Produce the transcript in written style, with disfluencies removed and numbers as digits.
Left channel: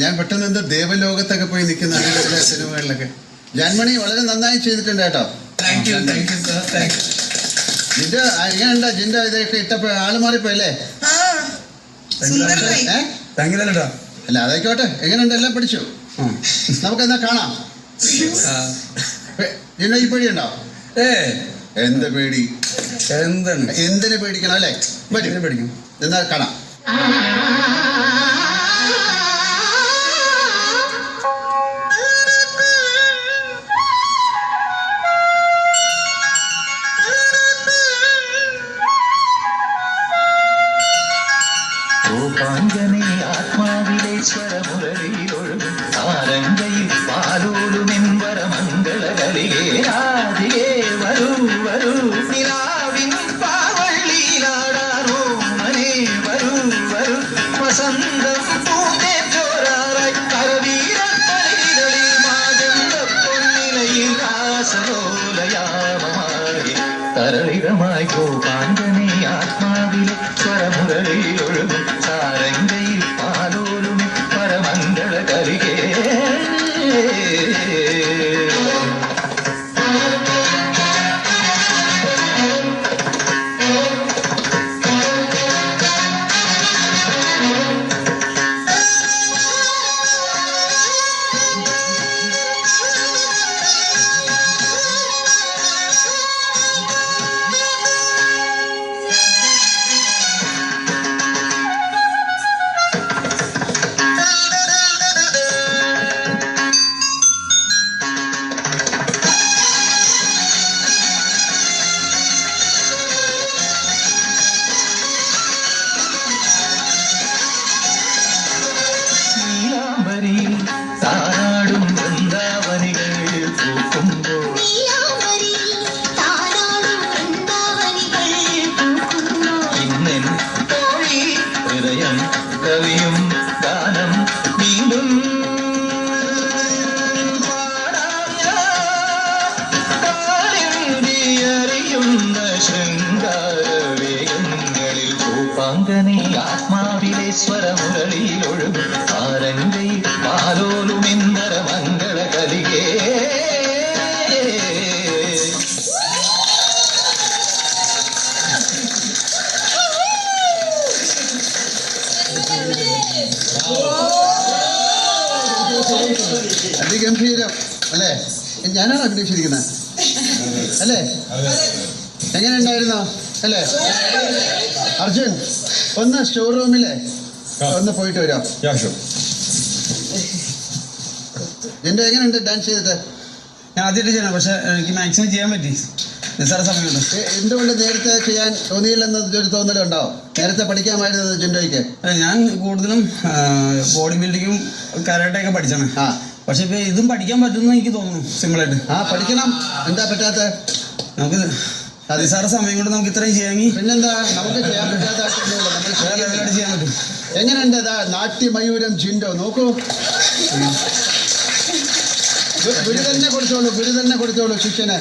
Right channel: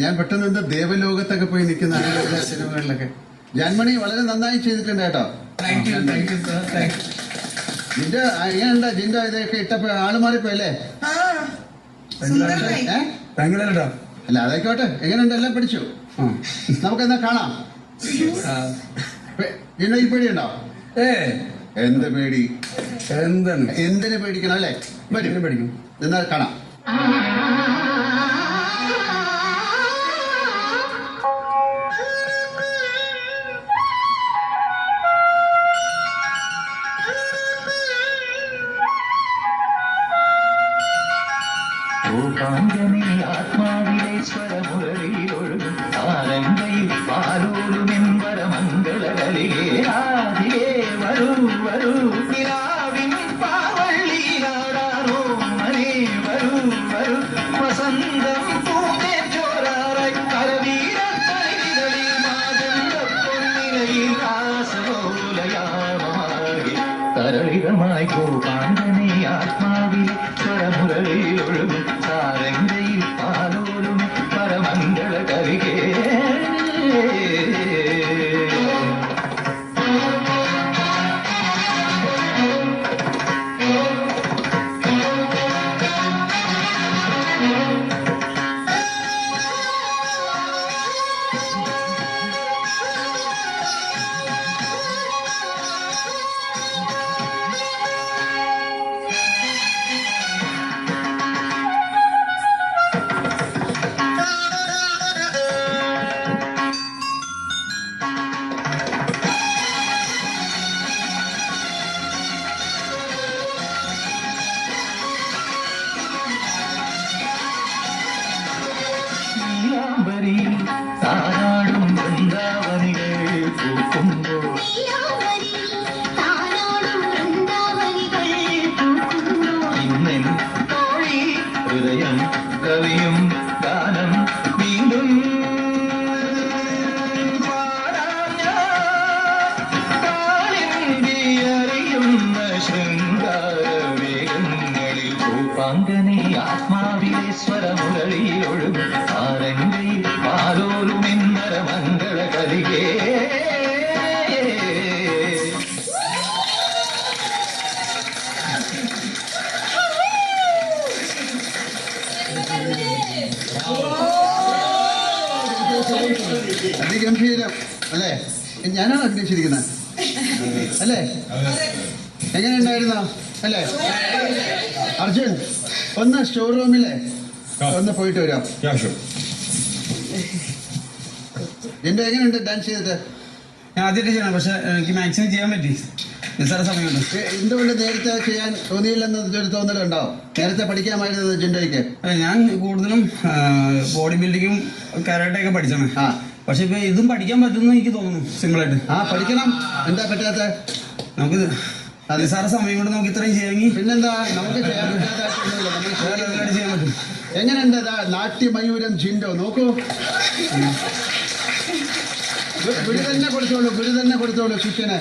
ഞാൻ പെട്ടെന്ന് എന്താ ദേവലോകത്തൊക്കെ പോയി നിൽക്കുന്ന അങ്ങനെ സിനിമകളിലൊക്കെ. ജാൻമണി വളരെ നന്നായി ചെയ്തിട്ടുണ്ട് കേട്ടോ. ജിൻഡോ എങ്ങനെയുണ്ടാ? ജിൻഡോ ഇതൊക്കെ ഇട്ടപ്പോ ആള് മാറിപ്പോയല്ലേ? അല്ല അതായിക്കോട്ടെ. എങ്ങനെയുണ്ട്? എല്ലാം പഠിച്ചു. നമുക്കെന്നാ കാണാം. ജിൻഡോ ഈ പേടിയുണ്ടോ? എന്ത് പേടി? എന്തിനു പേടിക്കണം അല്ലേ? പേടിക്കും. എന്നാ കാണാം. ആത്മാവിലെ സ്വരമുരളിയിലൊഴുകും ആരംഗയിൽ പാലോലുമെമ്പര മംഗളകളിലേ രാധികേ വരൂ വരൂ നിലാവിൻ പാവള്ളിയിലാടാറോ മനേ വരൂ വരൂ വസന്തം പൂത്തേറ്റോരാറായി കരവീരത്തളികളിൽ മാജന്ത പൊന്നിലയിൽ ആസലോലയാമമായി തരളിതമായി ഗോപാങ്കനെ ആത്മാവിലെ സ്വരമുരളിയിലൊഴുകും സാരംഗയിൽ പാലോലും പരമംഗള കവികേ. താരാടും വൃന്ദാവനികൾ പൂക്കുമ്പോൾ ഇന്നെൻ തോഴി ഹൃദയം കവിയും ഗാനം വീണ്ടും പാടാറിയുന്ന ശൃംഗാരവേഗങ്ങളിൽ ഭൂപാങ്കനെ ആത്മാവിലെ സ്വരമുരളിയിലൊഴുകും ആരംഗയിൽ പാലോലുമെന്തര മംഗള കലികേ. അതിഗംഭീരം അല്ലേ? ഞാനാണ് അഭിനയിച്ചിരിക്കുന്നത് അല്ലേ? എങ്ങനെ ഉണ്ടായിരുന്നോ അല്ലേ? അർജുൻ ഒന്ന് സ്റ്റോർ റൂമിലെ ഒന്ന് പോയിട്ട് വരാം. ജിൻഡോ എങ്ങനെയുണ്ട് ഡാൻസ് ചെയ്തിട്ട്? ഞാൻ ആദ്യമായിട്ട് ചെയ്യണം, പക്ഷെ എനിക്ക് മാക്സിമം ചെയ്യാൻ പറ്റി. നിസ്സാര സമയം കൊണ്ട്. എന്തുകൊണ്ട് നേരത്തെ ചെയ്യാൻ തോന്നിയില്ലെന്നൊരു തോന്നലുണ്ടാവും? നേരത്തെ പഠിക്കാമായിരുന്നത് ജിൻഡോയ്ക്ക്? ഞാൻ കൂടുതലും ബോഡി ബിൽഡിങ്ങും കരാട്ടയൊക്കെ പഠിച്ചാണ്. പക്ഷെ ഇപ്പൊ ഇതും പഠിക്കാൻ പറ്റുമെന്ന് എനിക്ക് തോന്നുന്നു സിമ്പിളായിട്ട്. പഠിക്കണം. എന്താ പറ്റാത്ത? നമുക്ക് നിസ്സാര സമയം കൊണ്ട് നമുക്ക് ഇത്രയും ചെയ്യാമെങ്കിൽ പിന്നെന്താ നമുക്ക് ചെയ്യാൻ പറ്റാത്ത ചെയ്യാൻ പറ്റും. എങ്ങനെയുണ്ട് നാട്യമയൂരം ജിൻഡോ? നോക്കൂ, ഗുരു തന്നെ കൊടുത്തോളൂ ശിഷ്യന്.